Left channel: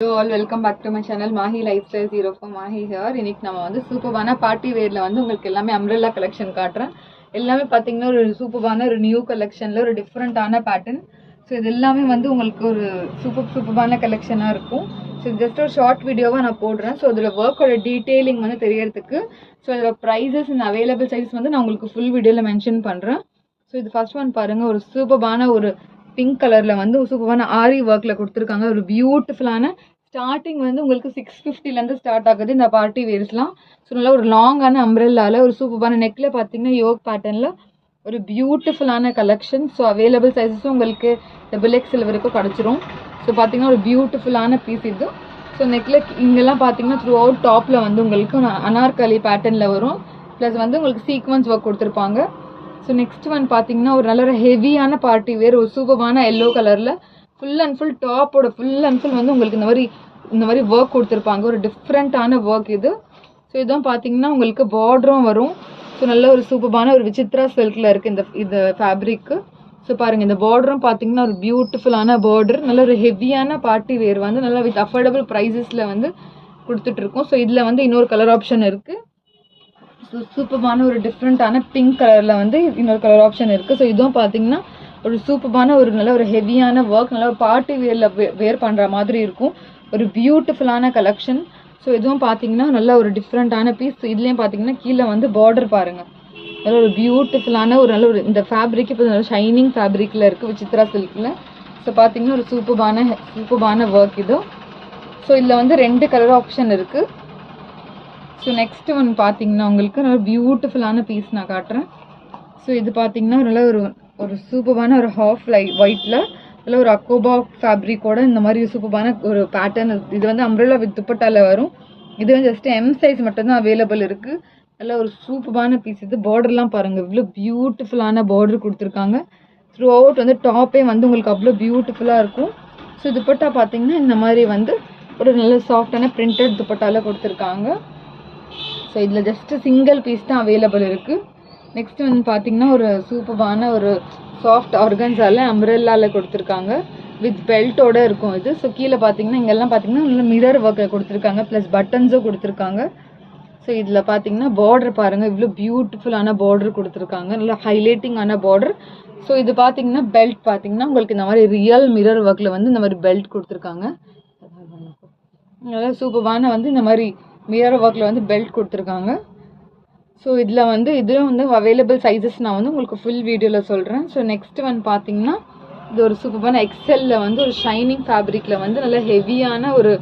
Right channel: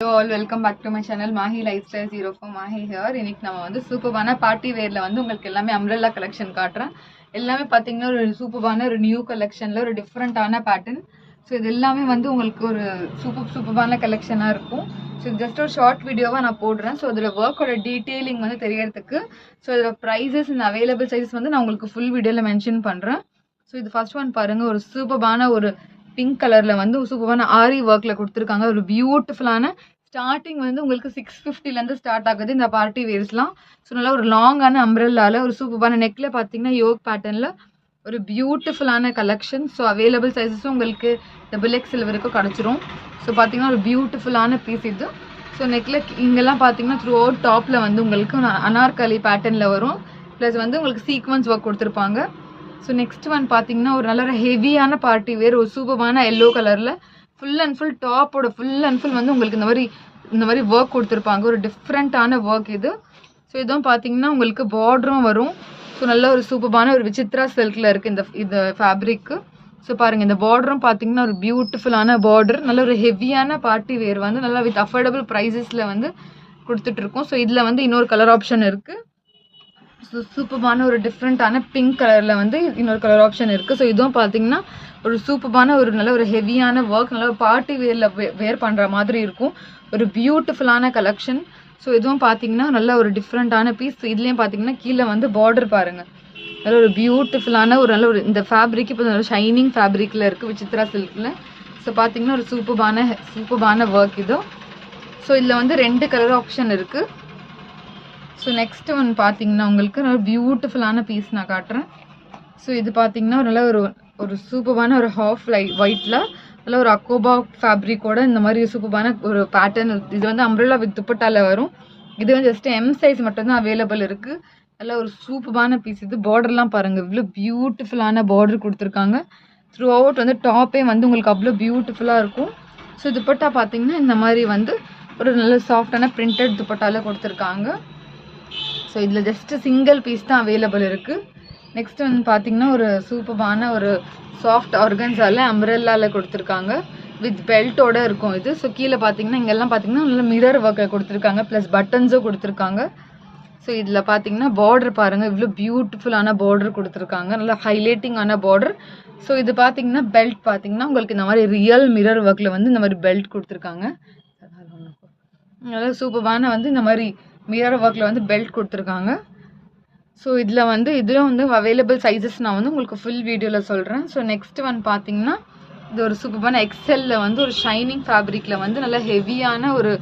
Hello all, welcome back to my channel Mahi Lifestyle 04 Mahi here. இன்னைக்கு நம்ம வந்து சூப்பரான பார்ட்டி வேர்ல வந்து உங்களுக்கு எல்லாமே அம்ப்ரெல்லா கலெக்ஷன் காட்டுறேன். எல்லாமே பாத்தீங்கன்னா ஒரு சூப்பரான ஒரு நியூ கலெக்ஷன்ல ஒரு டிஃபரெண்டான பேட்டர்ன். ஸோ இது எல்லாமே வந்து உங்களுக்கு ஒரு சூப்பரான கலெக்ஷனா இருக்கும். ஸோ ஜஸ்ட் ஒரு ஷார்ட் வீடியோவா நான் போடுறேன். ஸோ அதில் ஒர்க்கோட டீட்டெயிலிங் வந்து தெரியறதுக்கு ஸோ இதோட ப்ரைஸஸ் அண்ட் அவைலபிள் சைஸஸ் வந்து நான் உங்களுக்கு ஃபுல் வீடியோவில் மென்ஷன் பண்ணுறேன். ஸோ இது ஃபர்ஸ்ட் ஒன் பாருங்க, ஒரு சூப்பரான ஒரு பிங்க் கலர்ல வந்து சூப்பரான ஆரி ஒர்க்ல கொடுத்துருக்காங்க. ஒரு பியூட்டிஃபுல்லான ஸ்டார்டிங் வந்து உங்களுக்கு 650லேருந்து ஸ்டார்ட் ஆகுது இந்த பார்ட்டி வேர்ஸ்லாம். ஸோ நல்லா ஒரு லாங்கான அம்ப்ரெல்லால ஒரு சூப்பரான நெக்ல பார்த்தீங்கன்னா யோக் பேட்டர்னில் ஒரு பியூட்டிஃபுல்லான கலெக்ஷன். ஸோ அவைலபிள் சைஸஸும் உங்களுக்கு XXL வரைக்கும் கிடச்சிரும். ஸோ பார்த்தீங்கன்னா ஒரு பியூட்டிஃபுல்லான பீஸ் இது. ஸோ நெக்ல இங்கெல்லாம் பார்த்தீங்கன்னா த்ரூ அவுட் டாப்பில் வந்து உங்களுக்கு அனார்கலி பேட்டர்னில் வரும். ப்ளஸ் வந்து உங்களுக்கு சீக்வன்ஸ் ஒர்க் கொடுத்துருப்பாங்க. ஸோ நெக்ஸ்ட் ஒன் பார்த்தீங்கன்னா ஒரு நல்ல ஒரு ஹெவியான பார்ட்டி வேர், ஒரு சூப்பரான எல்லோ கலரில் ஃபுல் அண்ட் ஃபுல் டாப்போட ஃபுல் அண்ட் ஃபுல் வந்து உங்களுக்கு இந்த மாதிரி ஒர்க் கொடுத்துருப்பாங்க. ஒரு டிஃப்ரெண்ட்டான ஒர்க் இது. ஸோ இதுவும் பார்த்தீங்கன்னா உங்களுக்கு பார்டரும் வரும். ஸோ நல்ல ஒரு சூப்பரான ஒரு விசித்ரா சில்கில் இருக்குது இந்த ஃபேப்ரிக்கு. ஸோ பாருங்கள், இந்த பார்டரும் பார்த்தீங்கன்னா ஒரு பியூட்டிஃபுல்லான பார்டர். நல்ல ஒரு ஹெவியான பார்ட்டி வேர் வந்து நல்லா வித் அஃபோர்டபுள் ப்ரைஸஸில் வந்து கொடுத்துட்ருக்கோம். ஸோ இதில் வந்து இன்னொரு கலர் ஆப்ஷன் இருக்குது. சூப்பரான ஒரு டிஃப்ரெண்ட்டான பிங்க் கலரில் வந்து இன்னொரு கலர் ஆப்ஷன் இருக்குது. ஸோ இதுவும் பார்த்தீங்கன்னா ஒரு சூப்பரான ஒரு நல்ல ஒரு ஹெவியான ஒர்க், நல்ல ஒரு பார்ட்டி வேர் பண்ணுற மாதிரி இருக்கும். ஒரு பியூட்டிஃபுல்லான கலெக்ஷன். ஸோ இதுவும் பார்த்தீங்கன்னா நல்ல ஒரு டிஃப்ரெண்ட்டான பீஸ். இதுலேயும் பார்த்தீங்கன்னா கீழே வந்து பார்டர் பாருங்கள், நல்ல ஒரு பியூட்டிஃபுல்லான ஒரு நல்ல ஒரு இந்த ஃபேப்ரிக் இப்போ நல்ல ஷைனிங் ஃபேப்ரிக்கில் இருக்குது விசித்ரா சில்கில். ஸோ பார்த்தீங்கன்னா ஒரு சூப்பரான ஒர்க் இது. ஸோ இதில் வந்து 2 கலர் ஆப்ஷன் இருக்குது. ஸோ நெக்ஸ்ட் ஒன் பார்த்தீங்கன்னா உங்களுக்கு நல்ல பியூட்டிஃபுல்லான பீஸ் நான் காட்டுறேன். ஸோ இது பார்த்தீங்கன்னா நல்ல ஒரு சூப்பரான ஒரு ஹாஃப் ஒயிட்டில் நல்ல ஒரு அக்கோபா ஃபேப்ரிக்கோட இந்த மாதிரி சூப்பரான ஒரு பேட்டர்ன். இது வந்து அம்ப்ரெல்லா வித் துப்பட்டால வரும். இது வந்து ஜஸ்ட் M சைஸ் மட்டும்தான் அவைலபிள் இருக்குது. நல்ல ஒரு சூப்பரான பீஸ் இது. பார்டர்லாம் பாருங்கள், இவ்வளோ பியூட்டிஃபுல்லான பார்டர் கொடுத்துருக்காங்க. த்ரூ அவுட் வந்து டாப்பே வந்து உங்களுக்கு அவ்வளோ பியூட்டிஃபுல்லாக இருக்கும். ஸோ துப்பட்டா பார்த்தீங்கன்னா இந்த மாதிரி வந்து ஒரு நல்ல சாஃப்டான பிரிண்டட் துப்பட்டால கொடுத்துருக்காங்க. ஸோ இதில் ஜஸ்ட் சிங்கிள் பீஸ் தான் அவைலபிள் இருக்குது. நெக்ஸ்ட் வந்து பார்த்தீங்கன்னா ஒரு சூப்பரான ஒரு சாஃப்ட் ஆர்கன்ஸால அம்ப்ரெல்லாவில் கொடுத்துருக்காங்க. வித் பெல்ட்டோட இருக்கும் இது. ஸோ கீழே பார்த்தீங்கன்னா இங்கெல்லாம் பார்த்தீங்கன்னா நல்ல மிரர் ஒர்க்கை கொடுத்துருக்காங்க, ப்ளஸ் பட்டன்ஸும் கொடுத்துருக்காங்க. ஸோ இதில் பார்த்தீங்கன்னா பார்டர் பாருங்கள், இவ்வளோ பியூட்டிஃபுல்லான பார்டர் கொடுத்துருக்காங்க, நல்லா ஹைலைட்டிங்கான பார்டர். ஸோ இது பார்த்தீங்கன்னா பெல்ட் பார்த்தீங்கன்னா உங்களுக்கு இந்த மாதிரி ரியல் மிரர் ஒர்க்கில் வந்து இந்த மாதிரி பெல்ட் கொடுத்துருக்காங்க. நல்லா சூப்பரான வந்து இந்த மாதிரி மிரர் ஒர்க்கில் வந்து பெல்ட் கொடுத்துருக்காங்க. ஸோ இதில் வந்து இதுவும் வந்து அவைலபிள் சைஸஸ் நான் வந்து உங்களுக்கு ஃபுல் வீடியோவில் சொல்கிறேன். ஸோ நெக்ஸ்ட் ஒன் பார்த்தீங்கன்னா இது ஒரு சூப்பரான XL வந்து ஒரு ஷைனிங் ஃபேப்ரிக்கில் வந்து நல்ல ஹெவியான ஒரு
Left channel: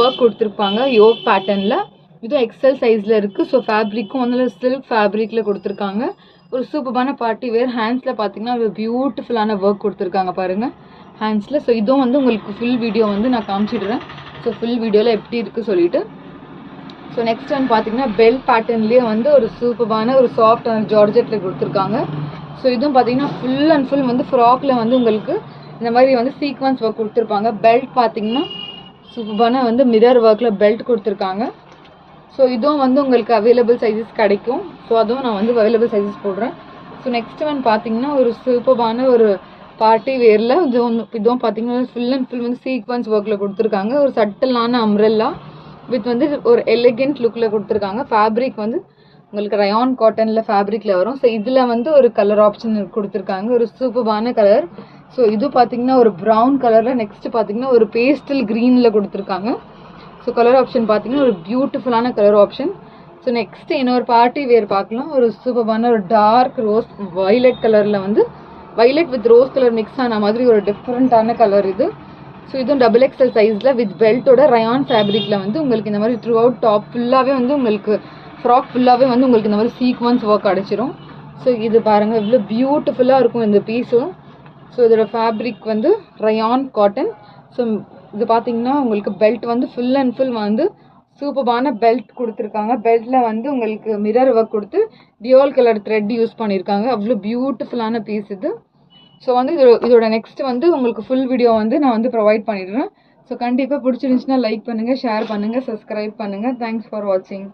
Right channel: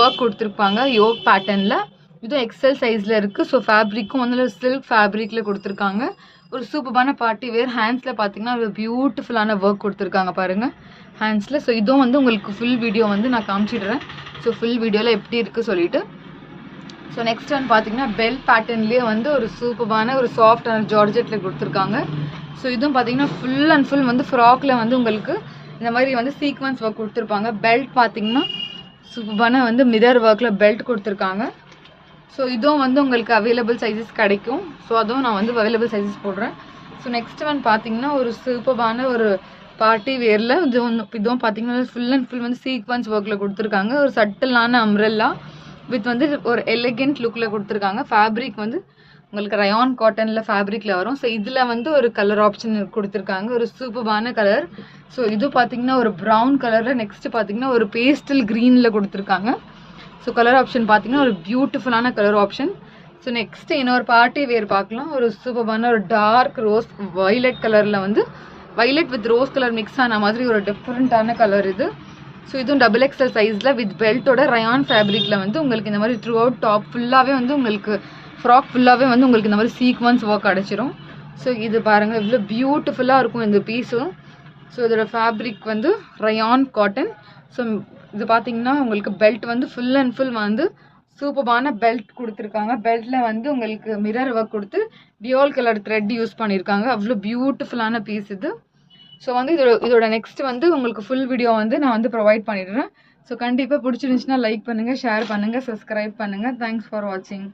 ஒர்க் கொடுத்துருப்பாங்க யோக் பேட்டர்னில். இதுவும் XL சைஸில் இருக்குது. ஸோ ஃபேப்ரிக்கும் வந்து சில்க் ஃபேப்ரிக்கில் கொடுத்துருக்காங்க. ஒரு சூப்பரான பார்ட்டி வேர். ஹேண்ட்ஸில் பார்த்தீங்கன்னா ஒரு பியூட்டிஃபுல்லான ஒர்க் கொடுத்துருக்காங்க பாருங்கள் ஹேண்ட்ஸில். ஸோ இதுவும் வந்து உங்களுக்கு ஃபுல் வீடியோ வந்து நான் காமிச்சிடுறேன். ஸோ ஃபுல் வீடியோவில் எப்படி இருக்குது சொல்லிட்டு. ஸோ நெக்ஸ்ட் ஒன் பார்த்தீங்கன்னா பெல் பேட்டர்ன்லேயே வந்து ஒரு சூப்பரான ஒரு சாஃப்டான ஜார்ஜெட்டில் கொடுத்துருக்காங்க. ஸோ இதுவும் பார்த்தீங்கன்னா ஃபுல் அண்ட் ஃபுல் வந்து ஃப்ராக்ல வந்து உங்களுக்கு இந்த மாதிரி வந்து சீக்வன்ஸ் ஒர்க் கொடுத்துருப்பாங்க. பெல்ட் பார்த்தீங்கன்னா சூப்பரான வந்து மிரர் ஒர்க்கில் பெல்ட் கொடுத்துருக்காங்க. ஸோ இதுவும் வந்து உங்களுக்கு அவைலபிள் சைஸஸ் கிடைக்கும். ஸோ அதுவும் நான் வந்து அவைலபிள் சைஸஸ் போடுறேன். ஸோ நெக்ஸ்ட் ஒன் பார்த்தீங்கன்னா ஒரு சூப்பரான ஒரு பார்ட்டி வேரில் இதுவும் பார்த்தீங்கன்னா ஃபுல் அண்ட் ஃபுல் வந்து சீக்வன்ஸ் ஒர்க்கில் கொடுத்துருக்காங்க. ஒரு சட்டிலான அம்ப்ரெல்லா வித் வந்து ஒரு எலிகென்ட் லுக்கில் கொடுத்துருக்காங்க. ஃபேப்ரிக் வந்து உங்களுக்கு ரயான் காட்டனில் ஃபேப்ரிக்கில் வரும். ஸோ இதில் வந்து ஒரு கலர் ஆப்ஷன் கொடுத்துருக்காங்க, ஒரு சூப்பரான கலர். ஸோ இது பார்த்தீங்கன்னா ஒரு ப்ரௌன் கலரில், நெக்ஸ்ட் பார்த்தீங்கன்னா ஒரு பேஸ்டல் க்ரீனில் கொடுத்துருக்காங்க. ஸோ கலர் ஆப்ஷன் பார்த்தீங்கன்னா ஒரு பியூட்டிஃபுல்லான கலர் ஆப்ஷன். ஸோ நெக்ஸ்ட் இன்னொரு பார்ட்டி வேர் பார்க்கலாம். ஒரு சூப்பரான ஒரு டார்க் ரோஸ் வயலட் கலரில் வந்து violet with rose colour mix ஆன மாதிரி ஒரு டிஃப்ரெண்ட்டான கலர் இது. ஸோ இதுவும் XXL சைஸில் வித் பெல்ட்டோட ரயான் ஃபேப்ரிக்கில் வந்து உங்களுக்கு இந்த மாதிரி த்ரூ அவுட் டாப் ஃபுல்லாகவே வந்து உங்களுக்கு ஃப்ராக் ஃபுல்லாகவே வந்து உங்களுக்கு இந்த மாதிரி சீக்வன்ஸ் ஒர்க் அடைச்சிரும். ஸோ இது பாருங்கள், இவ்வளோ பியூட்டிஃபுல்லாக இருக்கும் இந்த பீஸும். ஸோ இதோட ஃபேப்ரிக் வந்து ரயான் காட்டன். ஸோ இது பார்த்தீங்கன்னா உங்களுக்கு பெல்ட் வந்து ஃபுல் அண்ட் ஃபுல் வந்து சூப்பரான பெல்ட் கொடுத்துருக்காங்க. பெல்ட்டில் வந்து உங்களுக்கு மிரர் ஒர்க் கொடுத்து டியோல் கலர் த்ரெட் யூஸ் பண்ணியிருக்காங்க. அவ்வளோ பியூட்டிஃபுல்லான பீஸ் இது. ஸோ வந்து இதோட நெக்ஸ்ட் வந்து உங்களுக்கு ஃபுல் வீடியோ வந்து நான் வந்து ப்ரொவைட் பண்ணிடுறேன். ஸோ கண்டிப்பாக பிடிச்சிருந்துச்சுன்னா லைக் பண்ணுங்கள், ஷேர் பண்ணுங்கள், சப்ஸ்கிரைப் பண்ணுங்கள். தேங்க்ஸ் ஃபார் வாட்சிங்.